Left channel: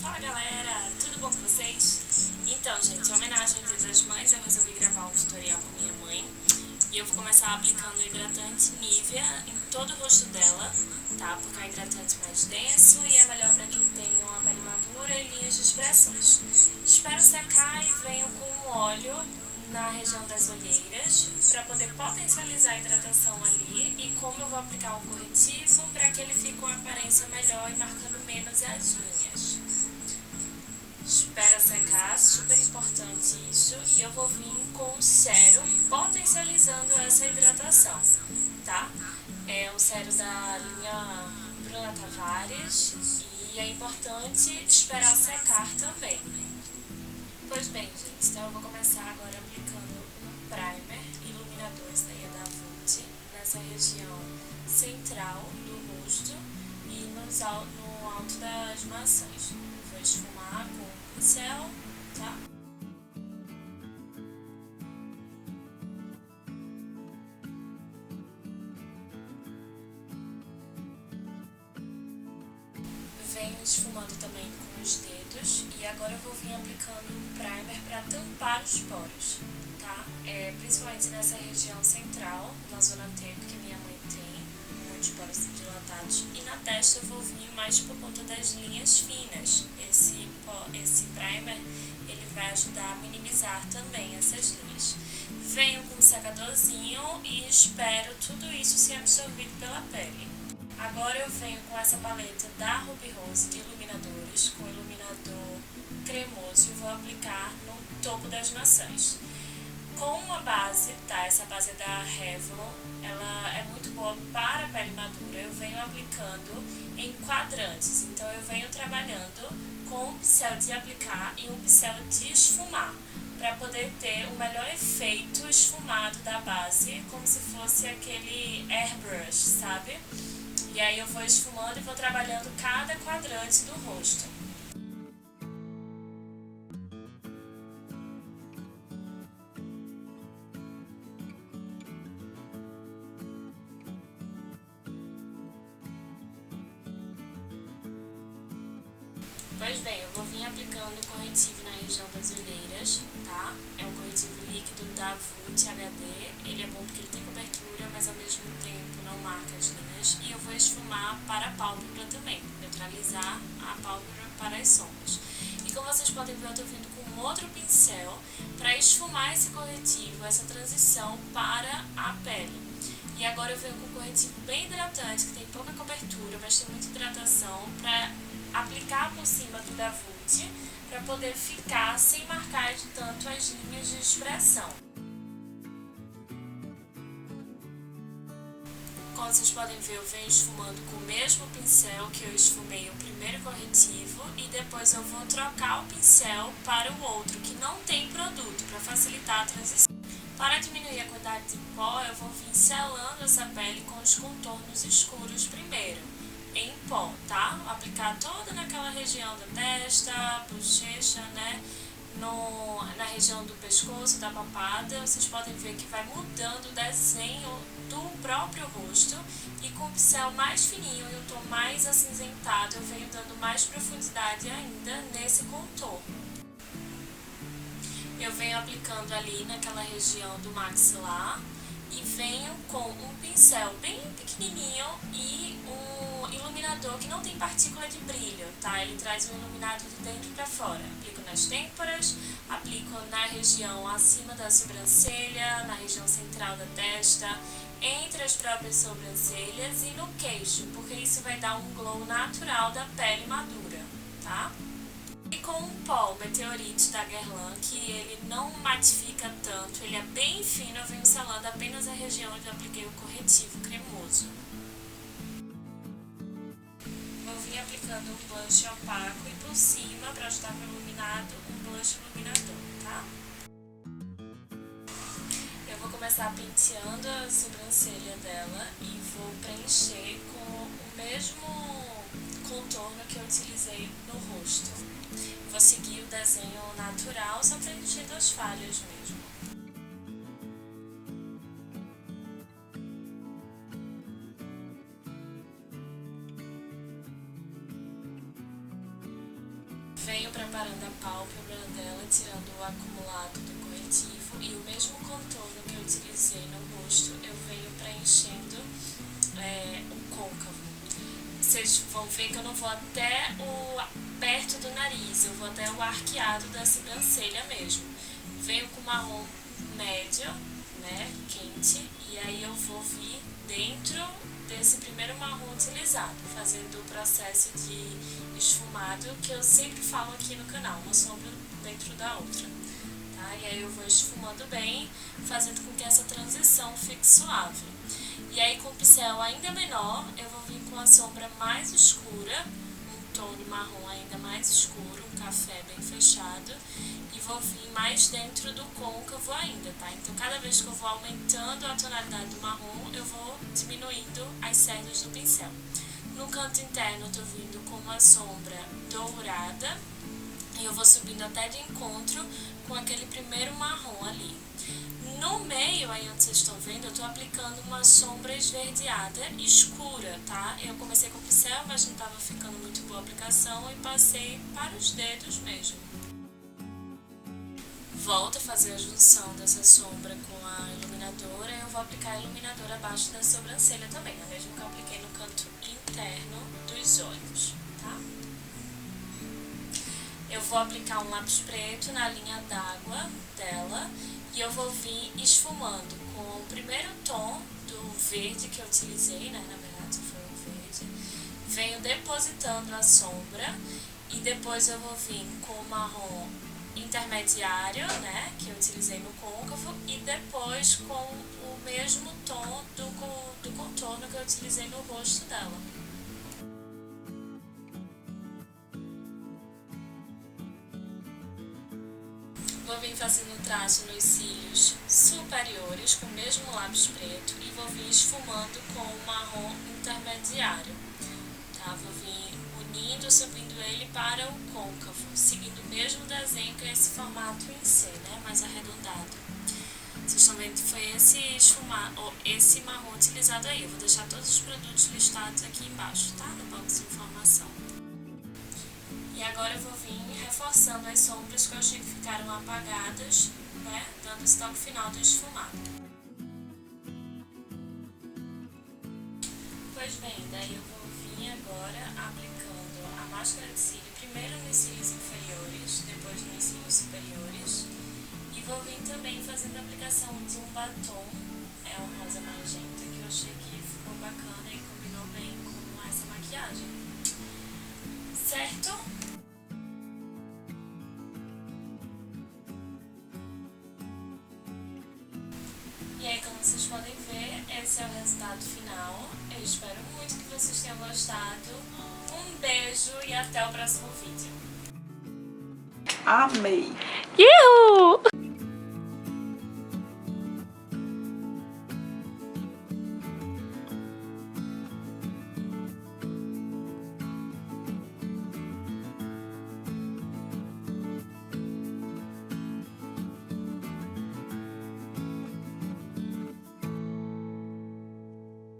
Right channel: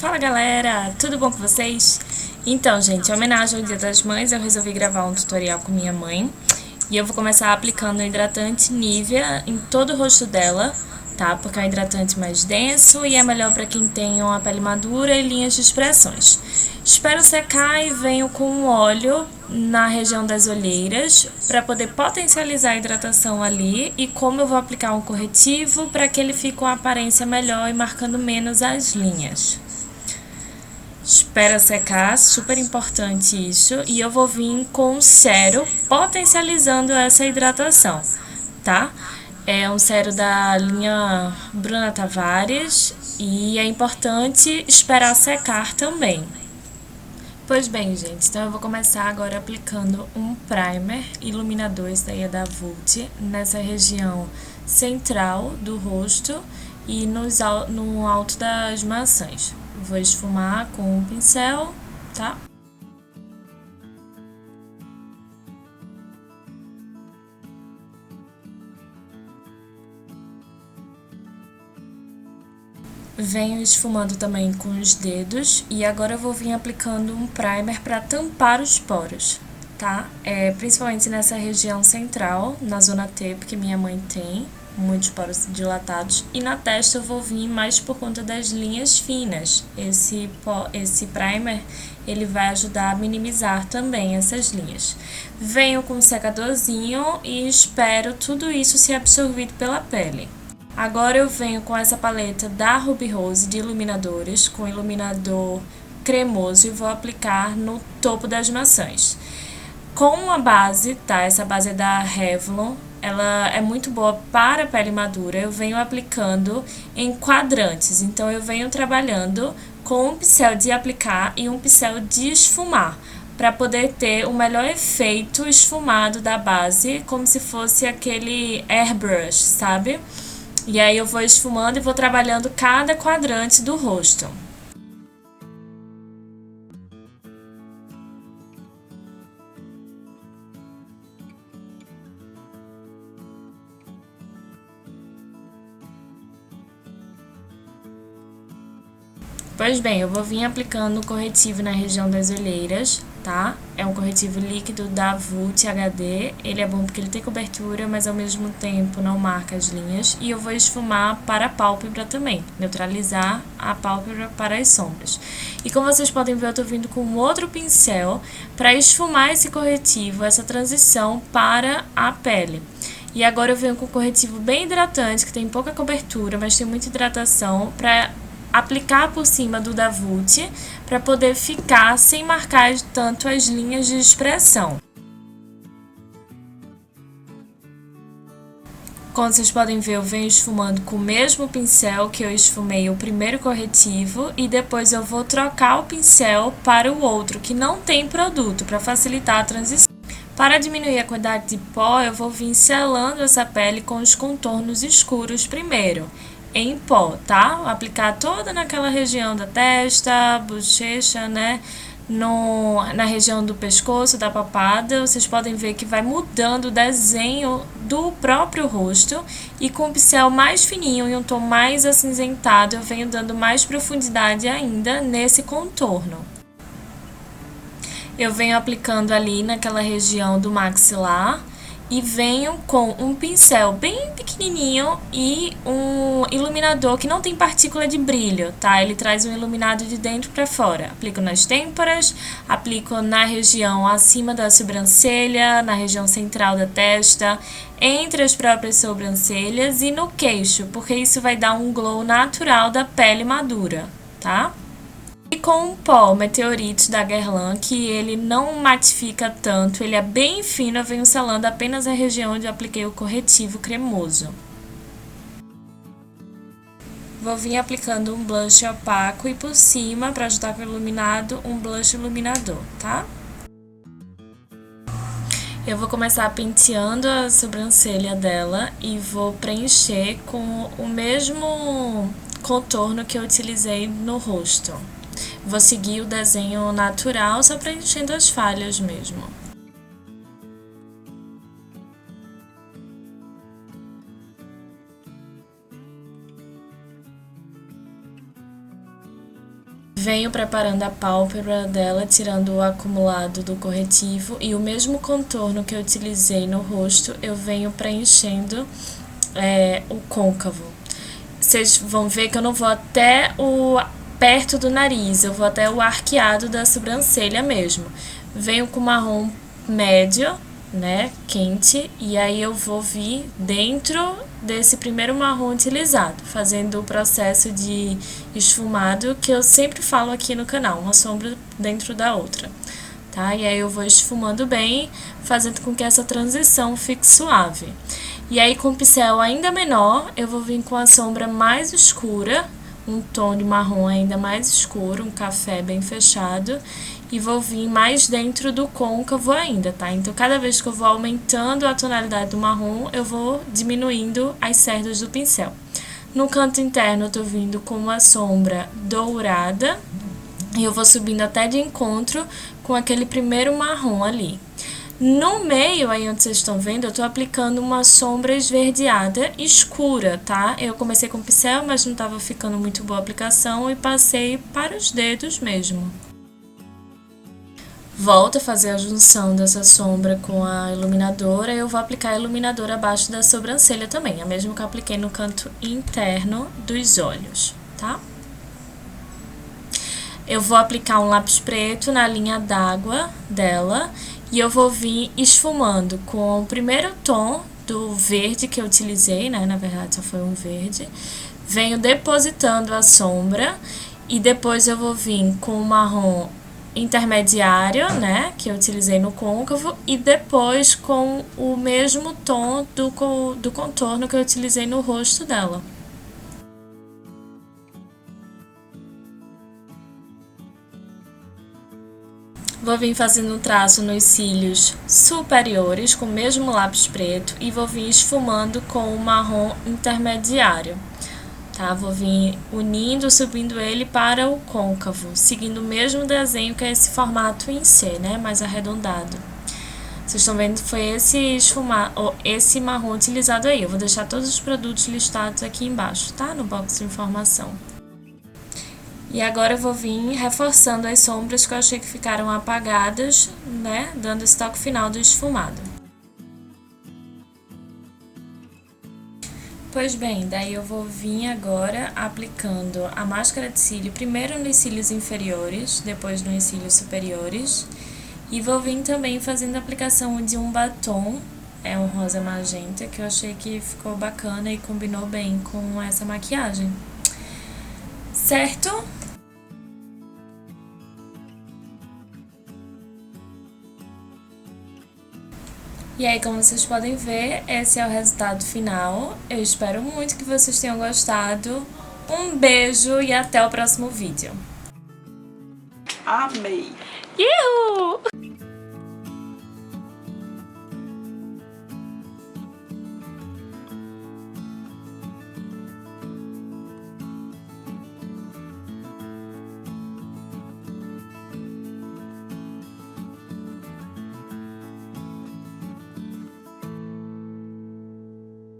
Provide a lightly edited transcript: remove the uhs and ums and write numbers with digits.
Fala galera, tudo bom com vocês? Então, gente, em homenagem ao Dia das Mães, eu resolvi gravar um tutorial com minha mãe. E eu vou começar aplicando o hidratante Nivea em todo o rosto dela, tá? Porque é um hidratante mais denso e é melhor para quem tem uma pele madura e linhas de expressões. Espero secar e venho com um óleo na região das olheiras para poder potencializar a hidratação ali, e como eu vou aplicar um corretivo para que ele fique com uma aparência melhor e marcando menos as linhas. Espera secar, super importante isso. E eu vou vir com um cero potencializando essa hidratação, tá? É um cero da linha Bruna Tavares e é importante esperar secar também. Pois bem, gente, então eu vou começar agora aplicando um primer iluminador, esse daí é da Vult, nessa região central do rosto e no alto das maçãs. Vou esfumar com um pincel, tá? Venho esfumando também com os dedos e agora eu vou vir aplicando um primer para tampar os poros, tá? Principalmente nessa região central, na zona T, porque minha mãe tem muitos poros dilatados, e na testa eu vou vir mais por conta das linhas finas. Esse primer ele vai ajudar a minimizar também essas linhas. Venho com um secadorzinho e espero tudo isso ser absorvido pela pele. Agora eu venho com essa paleta da Ruby Rose de iluminadores, com iluminador cremoso, e vou aplicar no topo das maçãs. Com a base, tá? Essa base é da Revlon, ela é muito boa para pele madura. Eu venho aplicando em quadrantes, então eu venho trabalhando com um pincel de aplicar e um pincel de esfumar, para poder ter o melhor efeito esfumado da base, como se fosse aquele airbrush, sabe? E aí eu vou esfumando e vou trabalhando cada quadrante do rosto. Pois bem, eu vou vir aplicando o corretivo na região das olheiras, tá? É um corretivo líquido da Vult HD, ele é bom porque ele tem cobertura, mas ao mesmo tempo não marca as linhas. E eu vou esfumar para a pálpebra também, neutralizar a pálpebra para as sombras. E como vocês podem ver, eu tô vindo com outro pincel para esfumar esse corretivo, essa transição para a pele. E agora eu venho com um corretivo bem hidratante, que tem pouca cobertura, mas tem muita hidratação, para aplicar por cima do da Vult, para poder ficar sem marcar tanto as linhas de expressão. Como vocês podem ver, eu venho esfumando com o mesmo pincel que eu esfumei o primeiro corretivo, e depois eu vou trocar o pincel para o outro, que não tem produto, para facilitar a transição. Para diminuir a quantidade de pó, eu vou vir selando essa pele com os contornos escuros primeiro, em pó, tá? Aplicar toda naquela região da testa, bochecha, né? Na região do pescoço, da papada. Vocês podem ver que vai mudando o desenho do próprio rosto, e com o pincel mais fininho e um tom mais acinzentado eu venho dando mais profundidade ainda nesse contorno. Eu venho aplicando ali naquela região do maxilar e venho com um pincel bem pequenininho e um iluminador que não tem partícula de brilho, tá? Ele traz um iluminado de dentro para fora. Aplico nas têmporas, aplico na região acima da sobrancelha, na região central da testa, entre as próprias sobrancelhas e no queixo, porque isso vai dar um glow natural da pele madura, tá? E com o pó Meteorite da Guerlain, que ele não matifica tanto, ele é bem fino, eu venho selando apenas a região onde eu apliquei o corretivo cremoso. Vou vir aplicando um blush opaco e por cima, para ajudar com o iluminado, um blush iluminador, tá? Eu vou começar penteando a sobrancelha dela e vou preencher com o mesmo contorno que eu utilizei no rosto. Vou seguir o desenho natural, só preenchendo as falhas mesmo. Venho preparando a pálpebra dela, tirando o acumulado do corretivo, e o mesmo contorno que eu utilizei no rosto, eu venho preenchendo o côncavo. Vocês vão ver que eu não vou até perto do nariz, eu vou até o arqueado da sobrancelha mesmo. Venho com marrom médio, né, quente, e aí eu vou vir dentro desse primeiro marrom utilizado, fazendo o processo de esfumado que eu sempre falo aqui no canal, uma sombra dentro da outra, tá? E aí eu vou esfumando bem, fazendo com que essa transição fique suave. E aí com o pincel ainda menor, eu vou vir com a sombra mais escura, um tom de marrom ainda mais escuro, um café bem fechado, e vou vir mais dentro do côncavo ainda, tá? Então, cada vez que eu vou aumentando a tonalidade do marrom, eu vou diminuindo as cerdas do pincel. No canto interno, eu tô vindo com uma sombra dourada, e eu vou subindo até de encontro com aquele primeiro marrom ali. No meio, aí onde vocês estão vendo, eu tô aplicando uma sombra esverdeada escura, tá? Eu comecei com pincel, mas não tava ficando muito boa a aplicação e passei para os dedos mesmo. Volto a fazer a junção dessa sombra com a iluminadora, eu vou aplicar a iluminadora abaixo da sobrancelha também, a mesma que eu apliquei no canto interno dos olhos, tá? Eu vou aplicar um lápis preto na linha d'água dela e eu vou vir esfumando com o primeiro tom do verde que eu utilizei, né? Na verdade só foi um verde. Venho depositando a sombra e depois eu vou vir com o marrom intermediário, né, que eu utilizei no côncavo, e depois com o mesmo tom do contorno que eu utilizei no rosto dela. Vou vir fazendo um traço nos cílios superiores com o mesmo lápis preto e vou vir esfumando com o marrom intermediário. Tá? Vou vir unindo, subindo ele para o côncavo, seguindo o mesmo desenho que é esse formato em C, né? Mais arredondado. Vocês estão vendo que foi esse marrom utilizado aí. Eu vou deixar todos os produtos listados aqui embaixo, tá? No box de informação. E agora eu vou vir reforçando as sombras que eu achei que ficaram apagadas, né? Dando esse toque final do esfumado. Pois bem, daí eu vou vir agora aplicando a máscara de cílio, primeiro nos cílios inferiores, depois nos cílios superiores. E vou vir também fazendo a aplicação de um batom, é um rosa magenta, que eu achei que ficou bacana e combinou bem com essa maquiagem. Certo? E aí, como vocês podem ver, esse é o resultado final. Eu espero muito que vocês tenham gostado. Um beijo e até o próximo vídeo. Amei! Uhul!